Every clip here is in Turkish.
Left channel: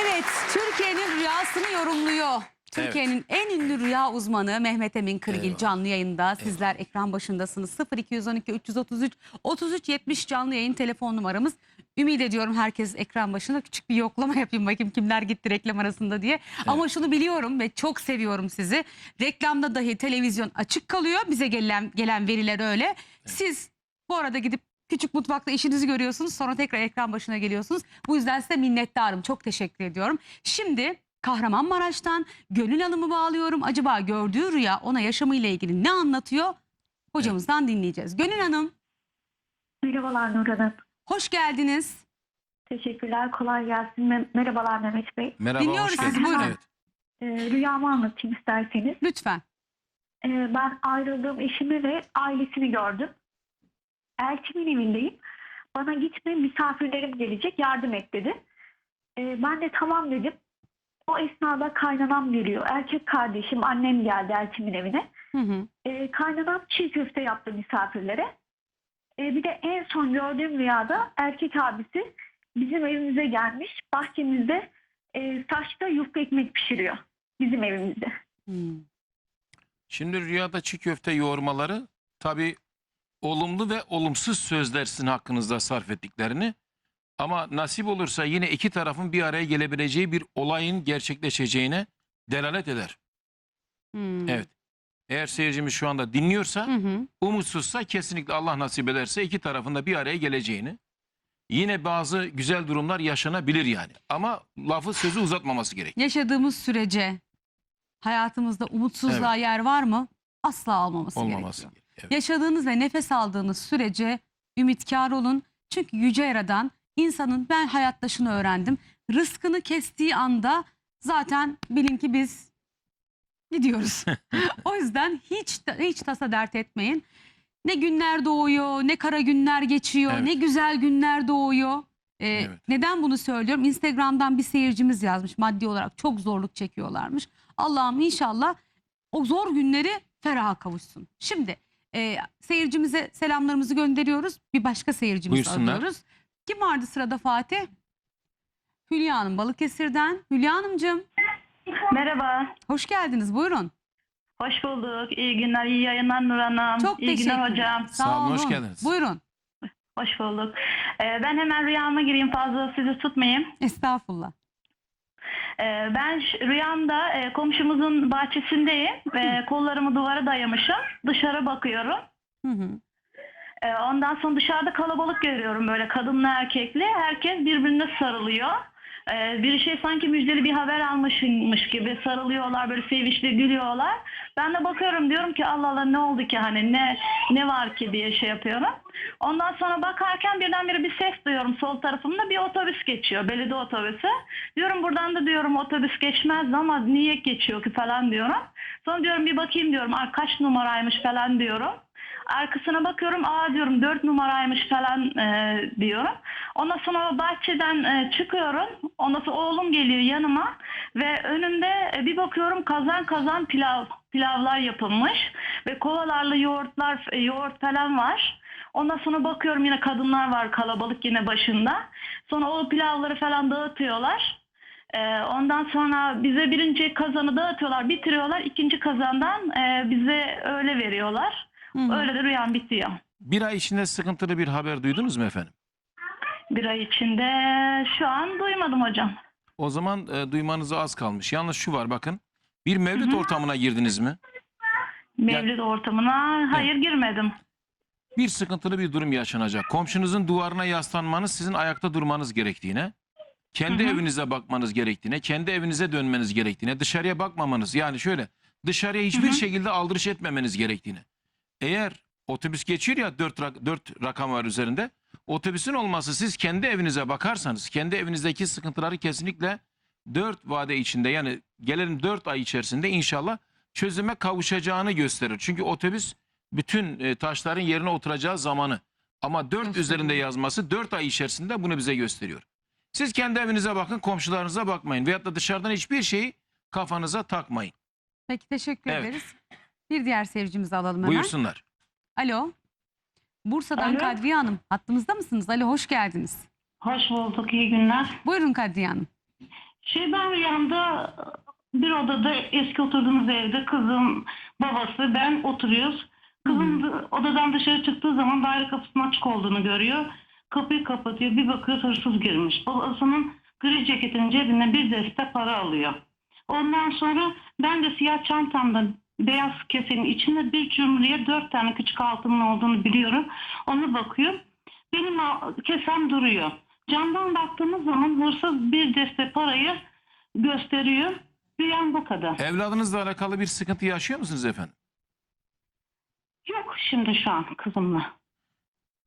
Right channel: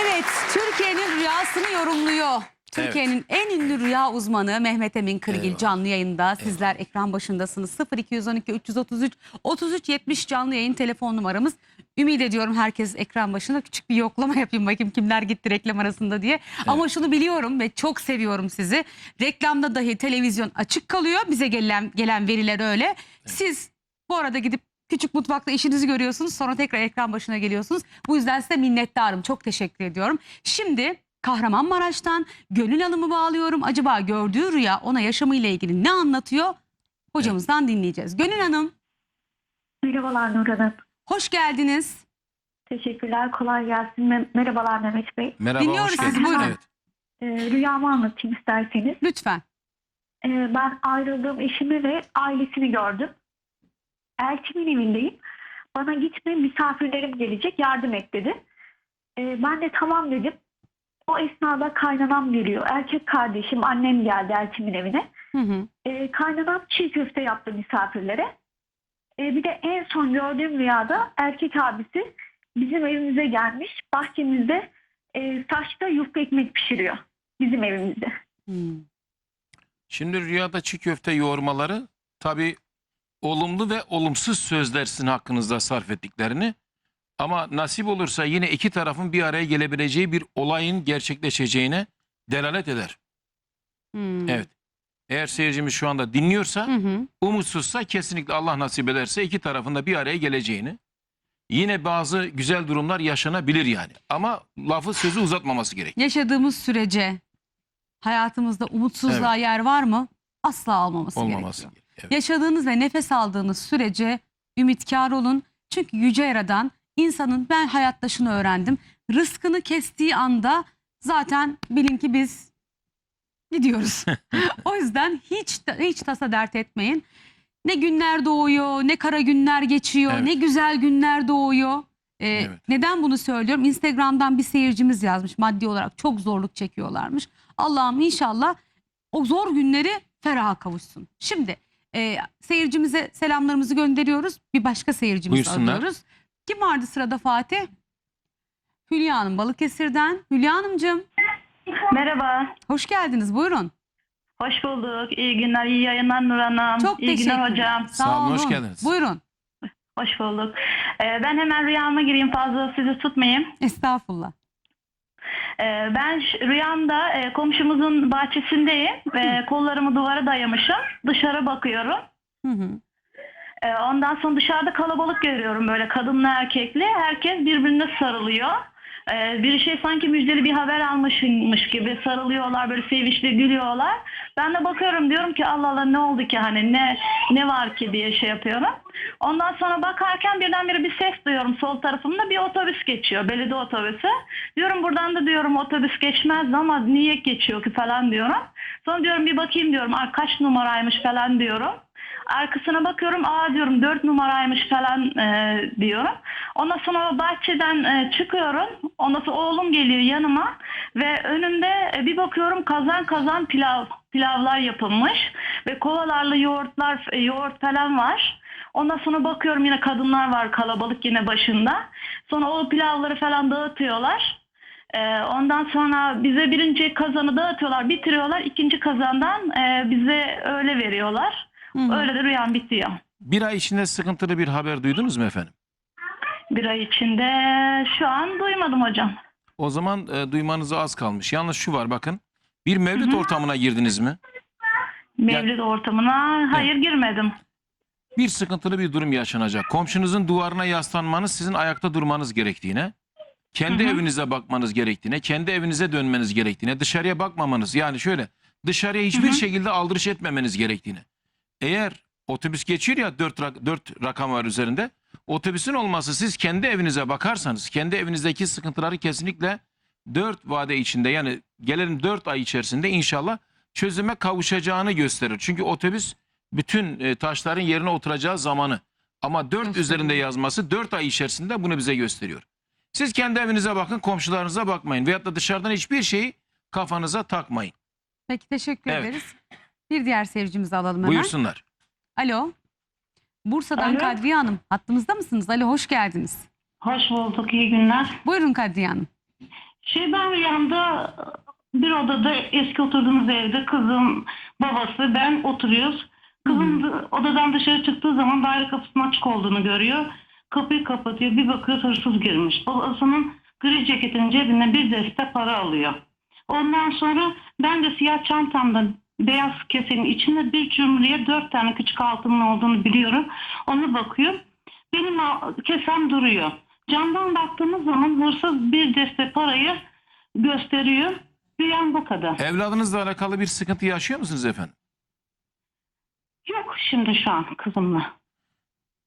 Evet, Türkiye'nin rüyasını yorumluyor. Türkiye'nin en ünlü rüya uzmanı Mehmet Emin Kırgil Eyvallah. canlı yayında. Sizler ekran başındasınız. 0212 333 33 70 canlı yayın telefon numaramız. Ümit ediyorum herkes ekran başında küçük bir yoklama yapayım bakayım kimler gitti reklam arasında diye. Ama şunu biliyorum ve çok seviyorum sizi. Reklamda dahi televizyon açık kalıyor. Bize gelen gelen veriler öyle. Siz bu arada gidip küçük mutfakta işinizi görüyorsunuz. Sonra tekrar ekran başına geliyorsunuz. Bu yüzden size minnettarım. Çok teşekkür ediyorum. Şimdi Kahramanmaraş'tan Gönül Hanım'ı bağlıyorum. Acaba gördüğü rüya ona yaşamıyla ilgili ne anlatıyor? Hocamızdan dinleyeceğiz. Gönül Hanım Merhabalar Nur Hanım. hoş geldiniz. Teşekkürler. Kolay gelsin. Me- Merhabalar Mehmet Bey. Merhaba, Dinliyoruz hoş sizi, geldiniz. buyurun. Evet. Ee, rüyamı anlatayım isterseniz. Lütfen. Ee, ben ayrıldığım eşimi ve ailesini gördüm. Elçimin evindeyim. Bana gitme misafirlerim gelecek yardım et dedi. Ee, ben de tamam dedim. O esnada kaynanam geliyor. Erkek kardeşim annem geldi elçimin evine. Hı hı. Ee, kaynanam çiğ köfte yaptı misafirlere. Ee, bir de en son gördüğüm rüyada erkek abisi bizim evimize gelmiş. Bahçemizde e, saçta yufka ekmek pişiriyor. Bizim evimizde. Hmm. Şimdi rüyada çiğ köfte yoğurmaları tabii olumlu ve olumsuz sözler sizin hakkınızda sarf ettiklerini ama nasip olursa yine iki tarafın bir araya gelebileceği bir olayın gerçekleşeceğine delalet eder. Hmm. Evet. Eğer seyircimiz şu anda dinliyorsa Hı hı. umutsuzsa kesinlikle Allah nasip ederse iki tarafın da bir araya geleceğini yine bazı güzel durumlar yaşanabilir yani. Ama lafı sözü uzatmaması gerek. Yaşadığımız sürece hayatımızda umutsuzluğa yer var mı? Asla olmaması, Olmaması gerekiyor. gerek. Evet. Yaşadığınız ve nefes aldığınız sürece ümitkar olun. Çünkü Yüce Yaradan insanın ben hayatta şunu öğrendim. Rızkını kestiği anda zaten bilin ki biz gidiyoruz. o yüzden hiç hiç tasa dert etmeyin. Ne günler doğuyor, ne kara günler geçiyor, Evet. ne güzel günler doğuyor. Ee, Evet. Neden bunu söylüyorum? Instagram'dan bir seyircimiz yazmış maddi olarak çok zorluk çekiyorlarmış. Allah'ım inşallah o zor günleri feraha kavuşsun. Şimdi e, seyircimize selamlarımızı gönderiyoruz. Bir başka seyircimizi Buyursunlar. alıyoruz. Kim vardı sırada Fatih? Hülya Hanım Balıkesir'den. Hülya Hanımcığım Merhaba, hoş geldiniz buyurun. hoş bulduk. İyi günler, iyi yayınlar Nur Hanım. Çok iyi günler hocam. Sağ olun, hoş olun. geldiniz. Buyurun. Hoş bulduk. Ee, ben hemen rüyama gireyim, fazla sizi tutmayayım. Estağfurullah. Ee, ben rüyamda e, komşumuzun bahçesindeyim. ve kollarımı duvara dayamışım. Dışarı bakıyorum. Hı hı. Ee, ondan sonra dışarıda kalabalık görüyorum böyle kadınlı erkekli. Herkes birbirine sarılıyor. Ee, bir şey sanki müjdeli bir haber almışmış gibi sarılıyorlar böyle sevinçli gülüyorlar. Ben de bakıyorum diyorum ki Allah Allah ne oldu ki hani ne ne var ki diye şey yapıyorum. Ondan sonra bakarken birdenbire bir ses duyuyorum sol tarafımda bir otobüs geçiyor belediye otobüsü. Diyorum buradan da diyorum otobüs geçmez ama niye geçiyor ki falan diyorum. Sonra diyorum bir bakayım diyorum "Aa, kaç numaraymış falan diyorum. Arkasına bakıyorum aa diyorum 4 numaraymış falan e, diyorum. Ondan sonra bahçeden e, çıkıyorum. Ondan sonra oğlum geliyor yanıma ve önümde e, bir bakıyorum kazan kazan pilav pilavlar yapılmış ve kovalarla yoğurtlar e, yoğurt falan var. Ondan sonra bakıyorum yine kadınlar var kalabalık yine başında. Sonra o pilavları falan dağıtıyorlar. E, ondan sonra bize birinci kazanı dağıtıyorlar, bitiriyorlar. İkinci kazandan e, bize öyle veriyorlar. Hı. Öyle de rüyam bitiyor. Bir ay içinde sıkıntılı bir haber duydunuz mu efendim? Bir ay içinde şu an duymadım hocam. O zaman e, duymanıza az kalmış. Yalnız şu var bakın. Bir mevlüt Hı hı. ortamına girdiniz mi? Mevlid ortamına hayır girmedim. Bir sıkıntılı bir durum yaşanacak. Komşunuzun duvarına yaslanmanız sizin ayakta durmanız gerektiğine, kendi Hı hı. evinize bakmanız gerektiğine, kendi evinize dönmeniz gerektiğine, dışarıya bakmamanız yani şöyle dışarıya hiçbir Hı hı. şekilde aldırış etmemeniz gerektiğine. Eğer otobüs geçiyor ya dört, rak- dört rakam var üzerinde. Otobüsün olması siz kendi evinize bakarsanız kendi evinizdeki sıkıntıları kesinlikle dört vade içinde yani gelen dört ay içerisinde inşallah çözüme kavuşacağını gösterir. Çünkü otobüs bütün e, taşların yerine oturacağı zamanı ama dört Gösteriyor. üzerinde yazması dört ay içerisinde bunu bize gösteriyor. Siz kendi evinize bakın komşularınıza bakmayın veyahut da dışarıdan hiçbir şeyi kafanıza takmayın. Peki teşekkür Evet. ederiz. Bir diğer seyircimizi alalım hemen. Buyursunlar. Alo. Bursa'dan Alo. Kadriye Hanım. Hattımızda mısınız? Alo hoş geldiniz. Hoş bulduk, iyi günler. Buyurun Kadriye Hanım. Şey ben rüyamda bir odada eski oturduğumuz evde kızım, babası, ben oturuyoruz. Kızım da- odadan dışarı çıktığı zaman daire kapısının açık olduğunu görüyor. Kapıyı kapatıyor. Bir bakıyor hırsız girmiş. Babasının gri ceketinin cebinden bir deste para alıyor. Ondan sonra ben de siyah çantamda beyaz kesenin içinde bir cümleye dört tane küçük altının olduğunu biliyorum. Ona bakıyor. Benim kesem duruyor. Camdan baktığımız zaman hırsız bir deste parayı gösteriyor. Bir yan bu kadar. Evladınızla alakalı bir sıkıntı yaşıyor musunuz efendim? Yok şimdi şu an kızımla.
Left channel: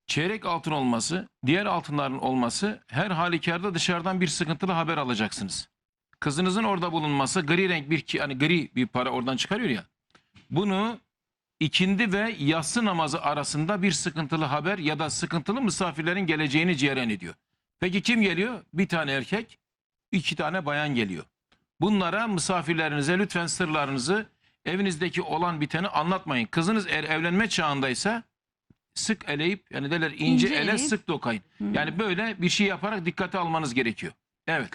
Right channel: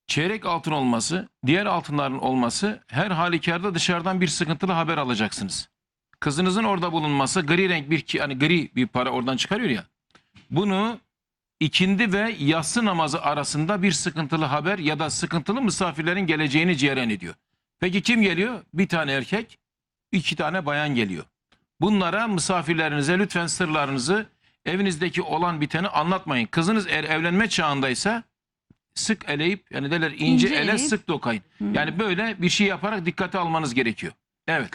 Çeyrek altın olması, diğer altınların olması her halükarda dışarıdan bir sıkıntılı haber alacaksınız. Kızınızın orada bulunması gri renk bir hani gri bir para oradan çıkarıyor ya. Bunu ikindi ve yatsı namazı arasında bir sıkıntılı haber ya da sıkıntılı misafirlerin geleceğini cereyan ediyor. Peki kim geliyor? Bir tane erkek, iki tane bayan geliyor. Bunlara misafirlerinize lütfen sırlarınızı evinizdeki olan biteni anlatmayın. Kızınız eğer evlenme çağındaysa sık eleyip yani derler ince, İnce ele eleyip- sık dokayın. Hmm. Yani böyle bir şey yaparak dikkate almanız gerekiyor. Evet.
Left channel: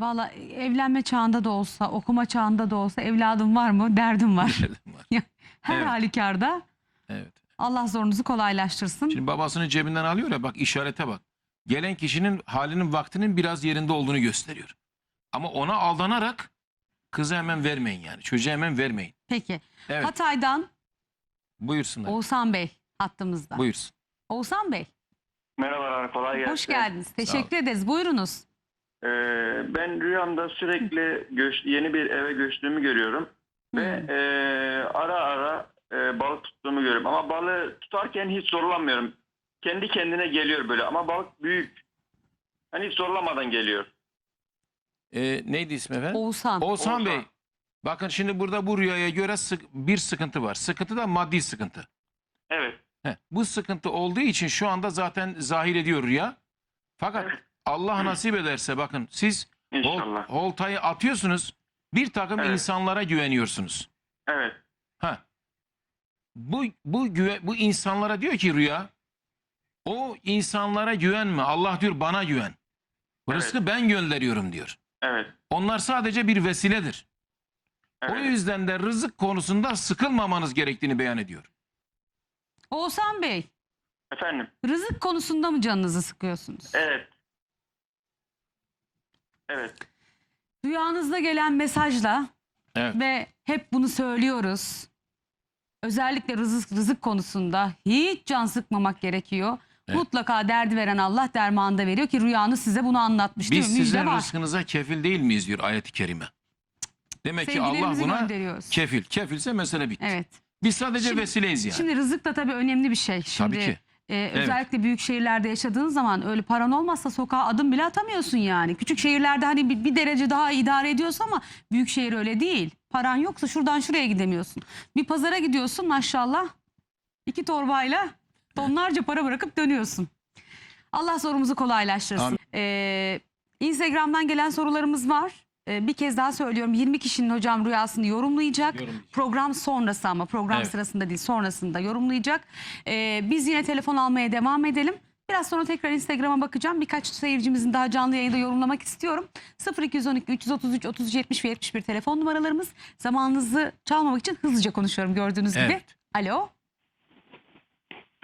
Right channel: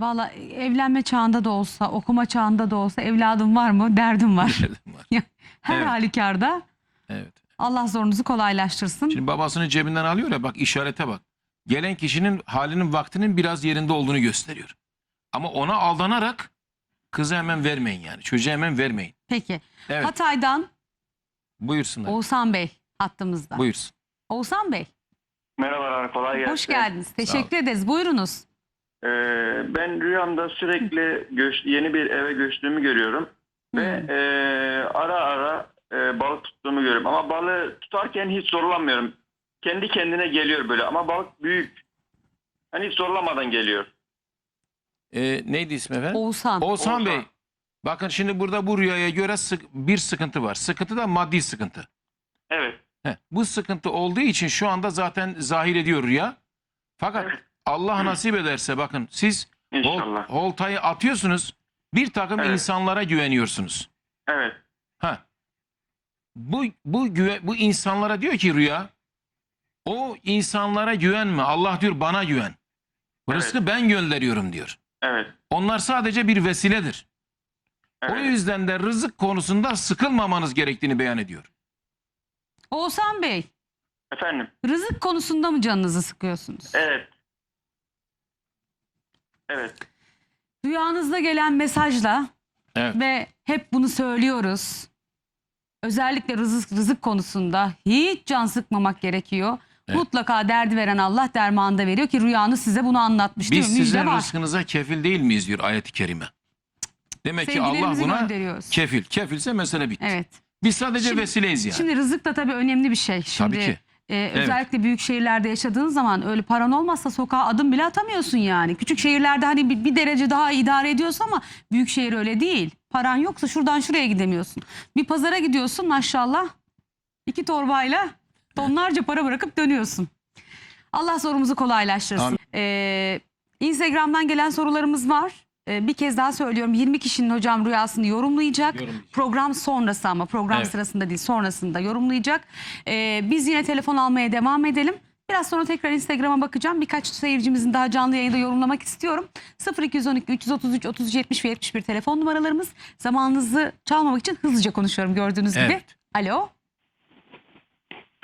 Valla evlenme çağında da olsa, okuma çağında da olsa evladım var mı? Derdim var. Her Evet. halükarda evet. Allah zorunuzu kolaylaştırsın. Şimdi babasının cebinden alıyor ya bak işarete bak. Gelen kişinin halinin vaktinin biraz yerinde olduğunu gösteriyor. Ama ona aldanarak kızı hemen vermeyin yani. Çocuğa hemen vermeyin. Peki. Evet. Hatay'dan Buyursunlar. Oğuzhan Bey hattımızda. Buyursun. Oğuzhan Bey Merhabalar, kolay gelsin. hoş geldiniz. Teşekkür ederiz. Buyurunuz. Ee, ben rüyamda sürekli göç, yeni bir eve göçtüğümü görüyorum. Ve e, ara ara e, balık tuttuğumu görüyorum. Ama balığı tutarken hiç zorlanmıyorum. Kendi kendine geliyor böyle ama balık büyük. Hani hiç zorlamadan geliyor. Ee, neydi ismi efendim? Oğuzhan. Oğuzhan Oğuzhan. Bey. Bakın şimdi burada bu rüyaya göre sık- bir sıkıntı var. Sıkıntı da maddi sıkıntı. Evet. Heh, bu sıkıntı olduğu için şu anda zaten zahir ediyor rüya. Fakat Evet. Allah nasip ederse bakın siz hol, İnşallah. holtayı atıyorsunuz. Bir takım Evet. insanlara güveniyorsunuz. Evet. Ha. Bu bu güve, bu insanlara diyor ki rüya o insanlara güvenme. Allah diyor bana güven. Evet. Rızkı ben gönderiyorum diyor. Evet. Onlar sadece bir vesiledir. O Evet. yüzden de rızık konusunda sıkılmamanız gerektiğini beyan ediyor. Oğuzhan Bey Efendim. rızık konusunda mı canınızı sıkıyorsunuz? Evet. Evet. Rüyanızda gelen mesajla Evet. ve hep bunu söylüyoruz. Özellikle rızık, rızık konusunda hiç can sıkmamak gerekiyor. Evet. Mutlaka derdi veren Allah dermanı da veriyor ki rüyanız size bunu anlatmış değil Biz mi? Müjde sizin var. rızkınıza kefil değil miyiz diyor ayet-i kerime. Demek ki Allah buna kefil. Kefilse mesele bitti. Evet. Biz sadece Şimdi- vesileyiz yani. Şimdi rızık da tabii önemli bir şey. Şimdi Tabii ki. E, özellikle büyük şehirlerde yaşadığın zaman öyle paran olmazsa sokağa adım bile atamıyorsun yani. Küçük şehirlerde hani bir, bir derece daha idare ediyorsun ama büyük şehir öyle değil. Paran yoksa şuradan şuraya gidemiyorsun. Bir pazara gidiyorsun maşallah iki torbayla tonlarca para bırakıp dönüyorsun. Allah sorumuzu kolaylaştırsın. Amin. Ee, Instagram'dan gelen sorularımız var. Ee, bir kez daha söylüyorum 20 kişinin hocam rüyasını yorumlayacak. Yorumlayacak. Program sonrası ama program Evet. sırasında değil sonrasında yorumlayacak. Ee, biz yine telefon almaya devam edelim. Biraz sonra tekrar Instagram'a bakacağım. Birkaç seyircimizin daha canlı yayında yorumlamak istiyorum. 0212 333 30 70 ve 71 telefon numaralarımız. Zamanınızı çalmamak için hızlıca konuşuyorum gördüğünüz gibi. Evet. Alo.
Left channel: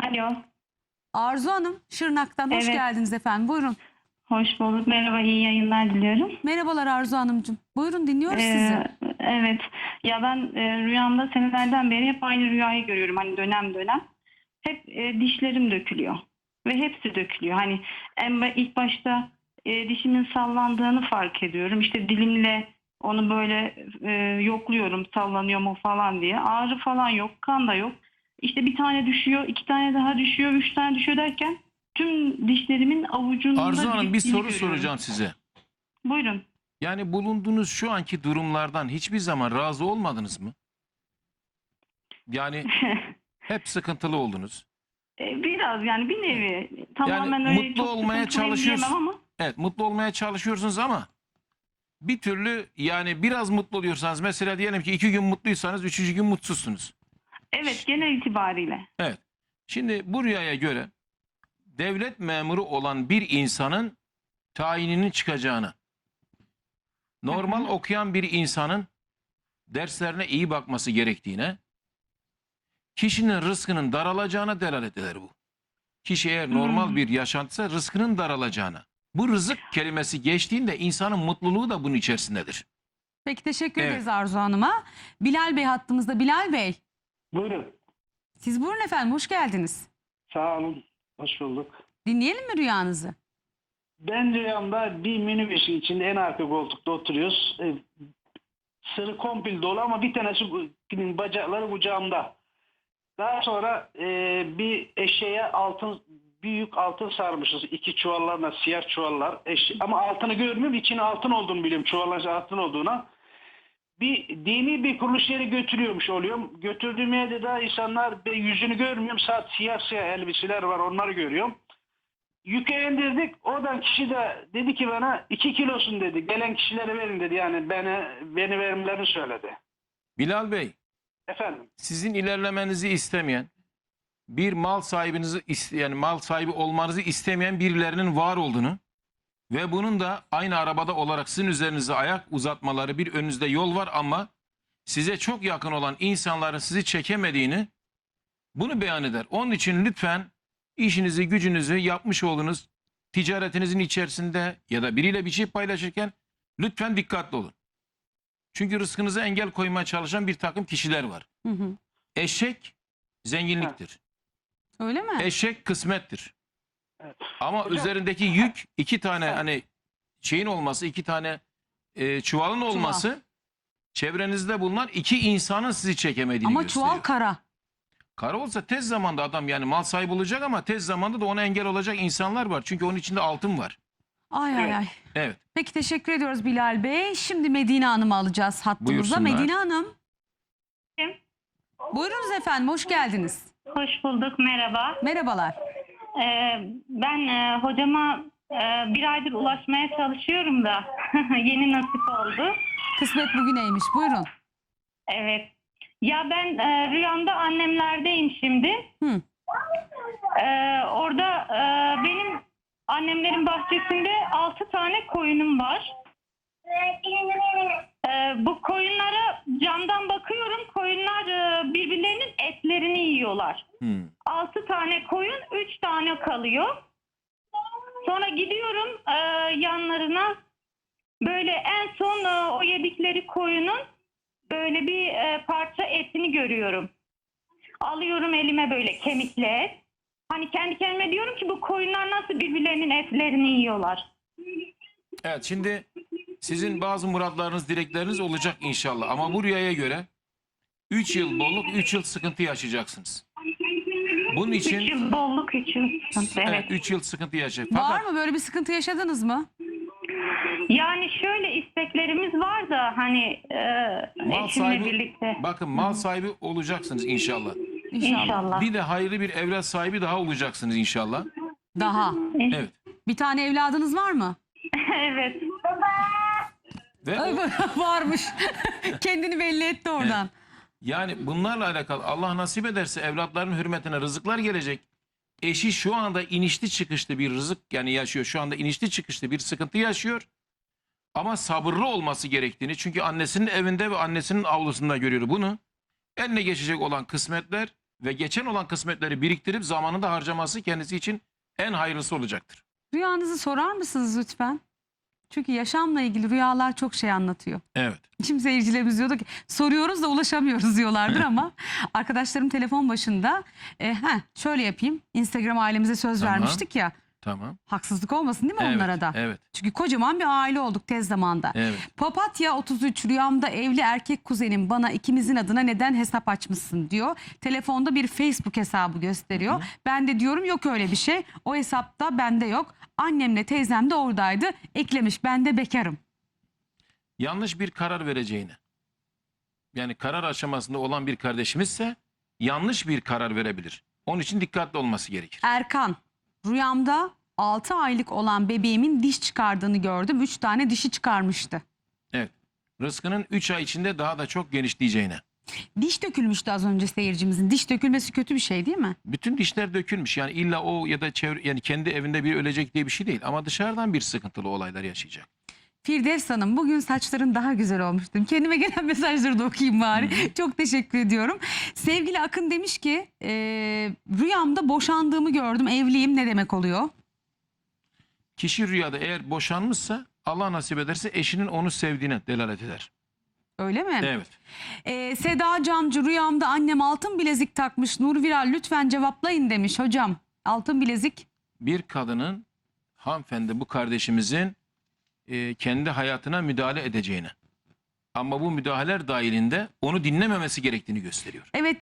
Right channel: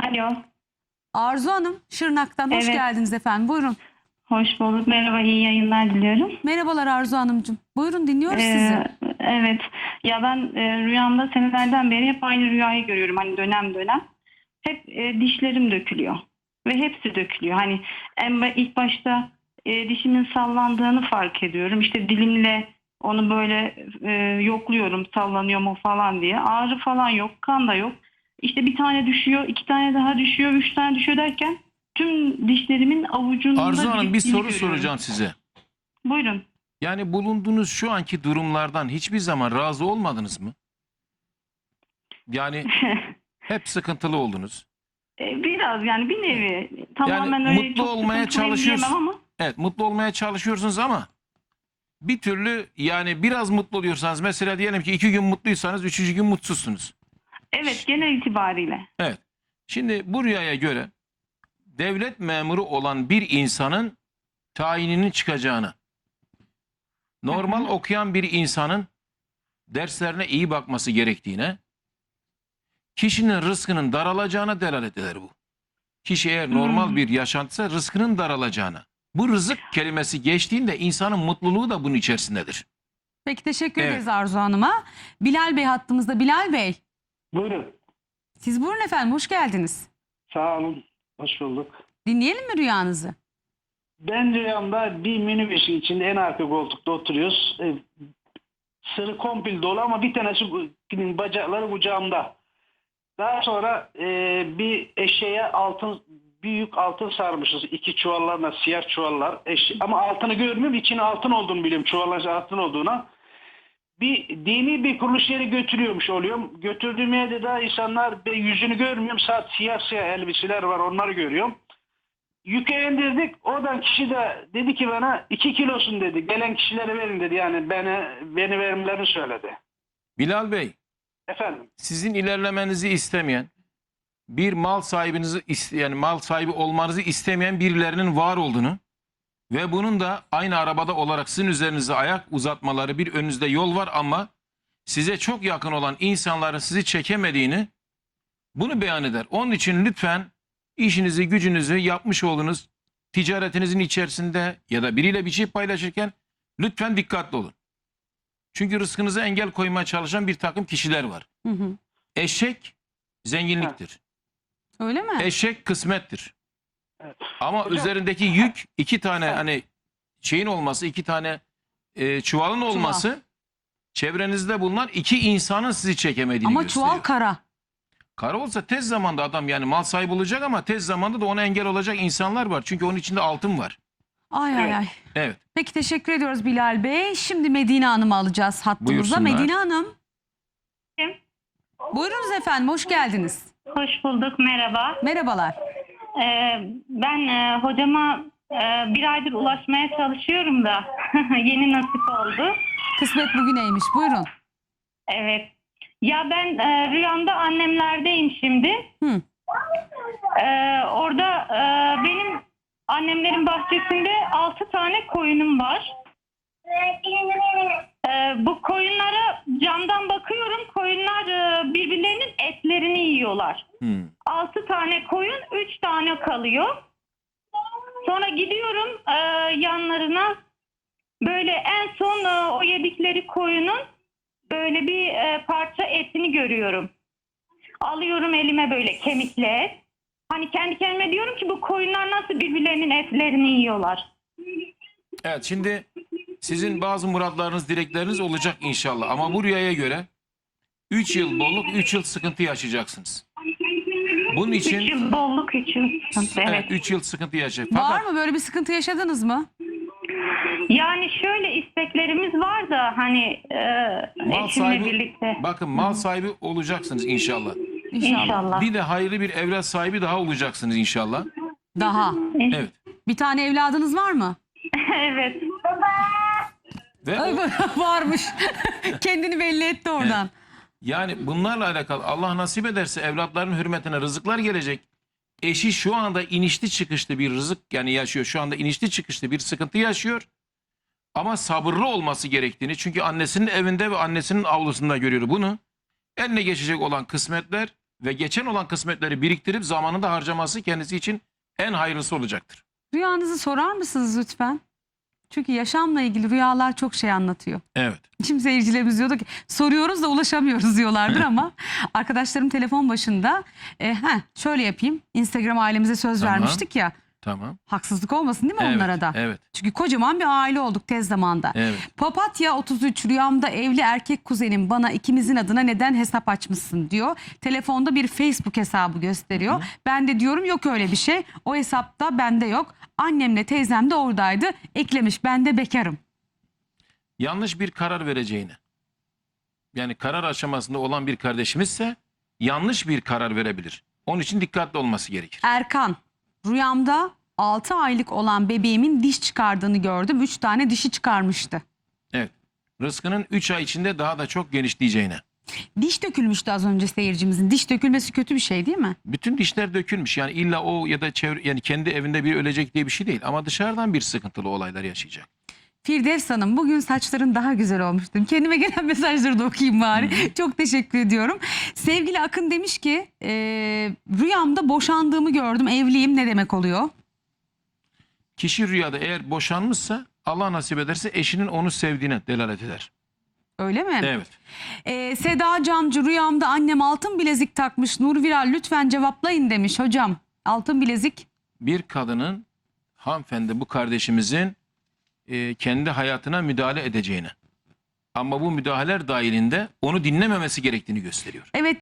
Alo. Arzu Hanım Şırnak'tan hoş Evet. geldiniz efendim. Buyurun. Hoş bulduk. Merhaba. iyi yayınlar diliyorum. Merhabalar Arzu Hanımcığım. Buyurun dinliyoruz Ee, sizi. Evet. Ya ben e, rüyamda senelerden beri hep aynı rüyayı görüyorum. Hani dönem dönem. Hep e, dişlerim dökülüyor. Ve hepsi dökülüyor. Hani en ilk başta e, dişimin sallandığını fark ediyorum. İşte dilimle onu böyle e, yokluyorum sallanıyor mu falan diye. Ağrı falan yok. Kan da yok. İşte bir tane düşüyor, iki tane daha düşüyor, üç tane düşüyor derken tüm dişlerimin avucunda Arzu Hanım bir soru görüyorum. soracağım size. Buyurun. Yani bulunduğunuz şu anki durumlardan hiçbir zaman razı olmadınız mı? Yani hep sıkıntılı oldunuz. E, Biraz yani bir nevi tamamen Yani öyle mutlu çok olmaya sıkıntılıyım çalışıyorsun. diyemem ama Evet mutlu olmaya çalışıyorsunuz ama bir türlü yani biraz mutlu oluyorsanız mesela diyelim ki iki gün mutluysanız üçüncü gün mutsuzsunuz. evet genel itibariyle. Evet. Şimdi bu rüyaya göre devlet memuru olan bir insanın tayininin çıkacağını Normal okuyan bir insanın derslerine iyi bakması gerektiğine, kişinin rızkının daralacağına delalet eder bu. Kişi eğer normal Hmm. bir yaşantısa rızkının daralacağına. Bu rızık kelimesi geçtiğinde insanın mutluluğu da bunun içerisindedir. Peki teşekkür Evet. ederiz Arzu Hanım'a. Bilal Bey hattımızda. Bilal Bey Buyurun. siz buyurun efendim hoş geldiniz. Sağ olun. Hoş bulduk. Dinleyelim mi rüyanızı? Ben rüyamda bir minibüsün içinde en arka koltukta oturuyoruz. E, sırı komple dolu ama bir tanesi bacakları kucağımda. Daha sonra e, bir eşeğe altın büyük altın sarmışız. iki çuvallarla siyah çuvallar. Eşe- ama altını görmüyorum. içine altın olduğunu biliyorum. Çuvalların altın olduğuna. Bir dini bir kuruluş yere götürüyormuş oluyorum. Götürdüğüm yerde de insanlar yüzünü görmüyorum. Saat siyah siyah elbiseler var onları görüyorum. Yüke indirdik. Oradan kişi de dedi ki bana iki kilosun dedi. Gelen kişilere verin dedi. Yani beni beni verimlerini söyledi. Bilal Bey, Efendim. sizin ilerlemenizi istemeyen, bir mal sahibinizi yani mal sahibi olmanızı istemeyen birilerinin var olduğunu ve bunun da aynı arabada olarak sizin üzerinize ayak uzatmaları bir önünüzde yol var ama size çok yakın olan insanların sizi çekemediğini bunu beyan eder. Onun için lütfen işinizi, gücünüzü yapmış olduğunuz ticaretinizin içerisinde ya da biriyle bir şey paylaşırken lütfen dikkatli olun. Çünkü rızkınıza engel koymaya çalışan bir takım kişiler var. Hı hı. Eşek zenginliktir. Öyle mi? Eşek kısmettir. Evet. Ama Hocam- üzerindeki yük iki tane hani şeyin olması, iki tane e, çuvalın olması çevrenizde bulunan iki insanın sizi çekemediğini Ama gösteriyor. çuval kara. Kara olsa tez zamanda adam yani mal sahibi olacak ama tez zamanda da ona engel olacak insanlar var. Çünkü onun içinde altın var. Ay ay Evet. ay. Evet. Peki teşekkür ediyoruz Bilal Bey. Şimdi Medine Hanım'ı alacağız hattımıza. Medine Hanım. Kim? Buyurunuz efendim hoş geldiniz. Hoş bulduk, merhaba. Merhabalar. Ee, ben e, hocama e, bir aydır ulaşmaya çalışıyorum da yeni nasip oldu. Kısmet bugüneymiş buyurun. Evet. Ya ben e, rüyamda annemlerdeyim şimdi. Hı. Ee, orada benim annemlerin bahçesinde altı tane koyunum var. Ee, bu koyunlara camdan bakıyorum. Koyunlar e, birbirlerinin etlerini yiyorlar. Hmm. 6 tane koyun, 3 tane kalıyor. Sonra gidiyorum e, yanlarına. Böyle en son e, o yedikleri koyunun böyle bir e, parça etini görüyorum. Alıyorum elime böyle kemikli et. Hani kendi kendime diyorum ki bu koyunlar nasıl birbirlerinin etlerini yiyorlar. Evet şimdi sizin bazı muratlarınız, dilekleriniz olacak inşallah. Ama bu rüyaya göre 3 yıl bolluk, 3 yıl sıkıntı yaşayacaksınız. Bunun 3 için yıl bolluk 3 yıl. sıkıntı, evet Evet. 3 yıl sıkıntı yaşayacak. Var mı böyle bir sıkıntı yaşadınız mı? Yani şöyle isteklerimiz var da hani e, Mal eşimle sahibi- birlikte. bakın mal sahibi olacaksınız inşallah. İnşallah. İnşallah. Bir de hayırlı bir evlat sahibi daha olacaksınız inşallah. Daha. Evet. Bir tane evladınız var mı? evet. Ve Ay, varmış. Kendini belli etti oradan. yani bunlarla alakalı Allah nasip ederse evlatların hürmetine rızıklar gelecek. Eşi şu anda inişli çıkışlı bir rızık yani yaşıyor. Şu anda inişli çıkışlı bir sıkıntı yaşıyor. Ama sabırlı olması gerektiğini çünkü annesinin evinde ve annesinin avlusunda görüyor bunu. Eline geçecek olan kısmetler ve geçen olan kısmetleri biriktirip zamanında harcaması kendisi için en hayırlısı olacaktır. Rüyanızı sorar mısınız lütfen? Çünkü yaşamla ilgili rüyalar çok şey anlatıyor. Evet. Şimdi seyircilerimiz diyordu ki soruyoruz da ulaşamıyoruz diyorlardır ama arkadaşlarım telefon başında e, heh, şöyle yapayım Instagram ailemize söz Tamam. vermiştik ya Tamam. haksızlık olmasın değil mi Evet. onlara da? Evet. Çünkü kocaman bir aile olduk tez zamanda. Evet. Papatya 33 rüyamda evli erkek kuzenim bana ikimizin adına neden hesap açmışsın diyor. Telefonda bir Facebook hesabı gösteriyor. Ben de diyorum yok öyle bir şey. O hesapta bende yok. Annemle teyzem de oradaydı. Eklemiş ben de bekarım. yanlış bir karar vereceğini yani karar aşamasında olan bir kardeşimizse yanlış bir karar verebilir. Onun için dikkatli olması gerekir. Erkan rüyamda 6 aylık olan bebeğimin diş çıkardığını gördüm. 3 tane dişi çıkarmıştı. Evet. Rızkının 3 ay içinde daha da çok genişleyeceğine. Diş dökülmüştü az önce seyircimizin. Diş dökülmesi kötü bir şey değil mi? Bütün dişler dökülmüş. Yani illa o ya da çevre yani kendi evinde bir ölecek diye bir şey değil ama dışarıdan bir sıkıntılı olaylar yaşayacak. Firdevs Hanım bugün saçların daha güzel olmuştu. Kendime gelen mesajları da okuyayım bari. Çok teşekkür ediyorum. Sevgili Akın demiş ki e, rüyamda boşandığımı gördüm. Evliyim ne demek oluyor? Kişi rüyada eğer boşanmışsa Allah nasip ederse eşinin onu sevdiğine delalet eder. Öyle mi? Evet. E, Seda Camcı rüyamda annem altın bilezik takmış. Nur Viral lütfen cevaplayın demiş hocam. Altın bilezik. Bir kadının hanımefendi bu kardeşimizin e, kendi hayatına müdahale edeceğine ama bu müdahaleler dahilinde onu dinlememesi gerektiğini gösteriyor. Evet